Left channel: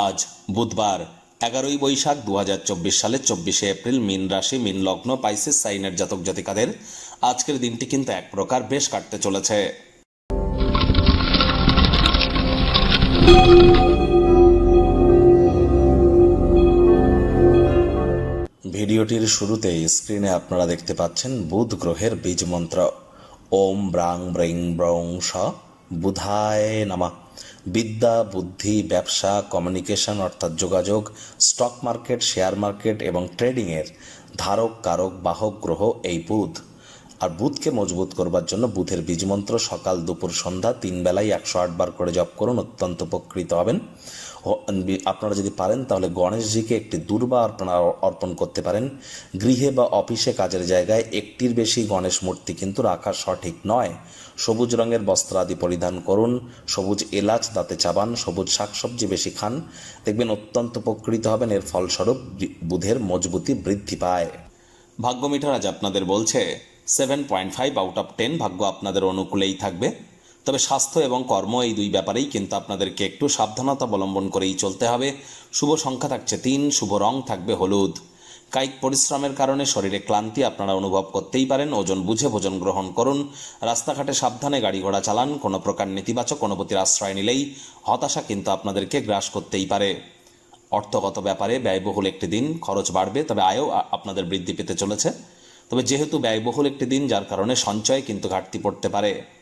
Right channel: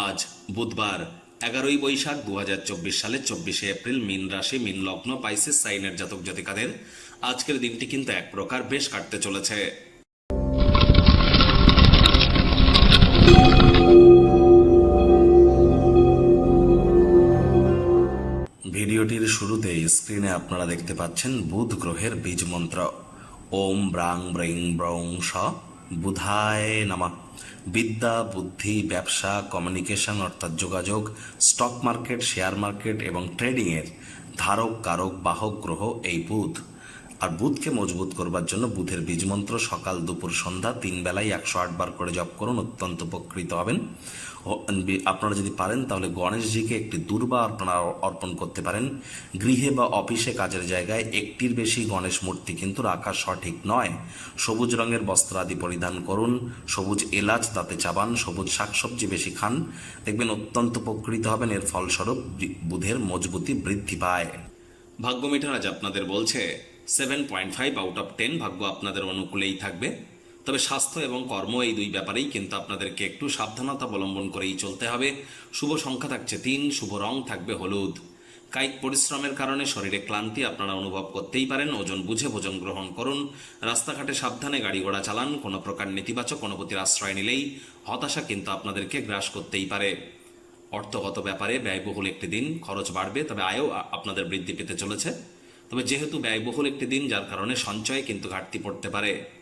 আজ বুধবার, এগারোই বৈশাখ দু হাজার চব্বিশ সালের চব্বিশে এপ্রিল, মিন রাশি, মিন লগ্ন, পাইসিস, সাইনের জাতক জাতিকাদের আজকের দিনটি কিন্তু এক প্রকার বেশ কাটতে চলেছে। ভিডিওটির শুরুতে স্ক্রিনে আপনারা দেখতে পাচ্ছেন বুধ গ্রহের বীজ মন্ত্র। ওম ব্রাং ব্রিং ব্রং স বুধায় নামা। বিদ্যা, বুদ্ধি, ব্যবসা, কমিউনিকেশন অর্থাৎ যোগাযোগ, স্টক মার্কেট, শেয়ার মার্কেট এবং ট্রেডিংয়ের ধারক, কারক, বাহক, গ্রহ এই বুধ। আর বুধকে মজবুত করবার জন্য বুধের বীজমন্ত্র সকাল দুপুর সন্ধ্যা তিন বেলায় একশো আট বার করে জপ করুন, অত্যন্ত উপকৃত হবেন। আপনারা যদি পারেন তাহলে গণেশজিকে একটি দুর্বা আপনারা অর্পণ করতে পারেন। গৃহে বা অফিসে কাজের জায়গায় একটির বেশি গণেশ মূর্তি কিন্তু রাখা সঠিক নয়। সবুজ রঙের বস্ত্র আদি পরিধান করুন, সবুজ এলাচ দাঁতে চাবান, সবুজ শাকসবজি বেশি খান। দেখবেন অত্যন্ত উপকৃত হবেন, এর ফলস্বরূপ বুধের মজবুতি বৃদ্ধি পায়। ভাগ্য মিটার আজ আপনাদের বলছে seven point five out of ten ভাগ্য আপনাদের অনুকূলেই থাকবে। তবে স্বাস্থ্য এবং কর্ম এই দুই ব্যাপারেই কিন্তু আপনাদেরকে একটু সাবধানতা অবলম্বন করেই চলতে হবে। শুভ সংখ্যা থাকছে তিন, শুভ রং থাকবে হলুদ। কায়িক পরিশ্রমের কারণে শরীরে ক্লান্তি আপনারা অনুভব করতেই পারেন, ওজন বুঝে ভোজন গ্রহণ করুন, রাস্তাঘাটে সাবধানে গাড়ি ঘোড়া চালান, কোনো প্রকার নেতিবাচক অনুভূতির আশ্রয় নিলেই হতাশা কিন্তু আপনাদেরকে গ্রাস করতেই পারে। অর্থগত ব্যাপারে ব্যয়বহুল একটি দিন, খরচ বাড়বে, তবে আয়ও আপনাদের বৃদ্ধি পেতে চলেছে। তবে যেহেতু ব্যয়বহুল একটি দিন, যার কারণে সঞ্চয় কিন্তু ঘাটতি পড়তে পারে।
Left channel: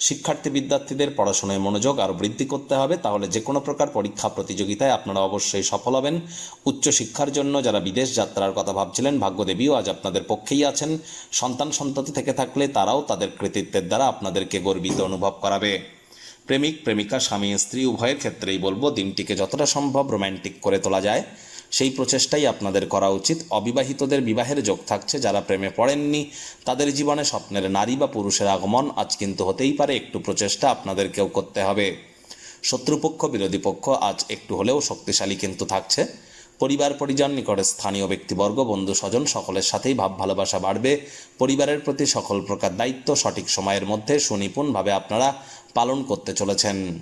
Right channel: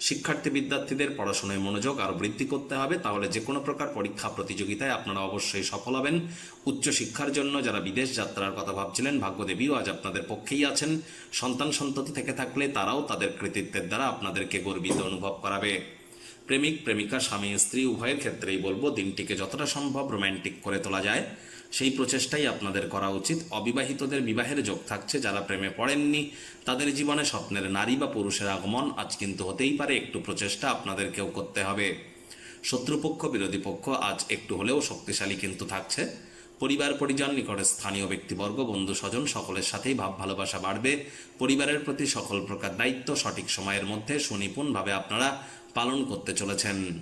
শিক্ষার্থী বিদ্যার্থীদের পড়াশোনায় মনোযোগ আরও বৃদ্ধি করতে হবে, তাহলে যে কোনো প্রকার পরীক্ষা প্রতিযোগিতায় আপনারা অবশ্যই সফল হবেন। উচ্চশিক্ষার জন্য যারা বিদেশ যাত্রার কথা ভাবছিলেন, ভাগ্যদেবীও আজ আপনাদের পক্ষেই আছেন। সন্তান সন্ততি থেকে থাকলে তারাও তাদের কৃতিত্বের দ্বারা আপনাদেরকে গর্বিত অনুভব করাবে। প্রেমিক, প্রেমিকা, স্বামী, স্ত্রী, উভয়ের ক্ষেত্রেই বলব, দিনটিকে যতটা সম্ভব রোম্যান্টিক করে তোলা যায়। সেই প্রচেষ্টাই আপনাদের করা উচিত। অবিবাহিতদের বিবাহের যোগ থাকছে, যারা প্রেমে পড়েননি, তাদের জীবনে স্বপ্নের নারী বা পুরুষের আগমন আজ কিন্তু হতেই পারে, একটু প্রচেষ্টা আপনাদেরকেও করতে হবে। শত্রুপক্ষ, বিরোধী পক্ষ আজ একটু হলেও শক্তিশালী কিন্তু থাকছে। পরিবার, পরিজন, নিকটে স্থানীয় ব্যক্তিবর্গ, বন্ধু, স্বজন সকলের সাথেই ভাব ভালোবাসা বাড়বে। পরিবারের প্রতি সকল প্রকার দায়িত্ব সঠিক সময়ের মধ্যে সুনিপুণভাবে আপনারা পালন করতে চলেছেন।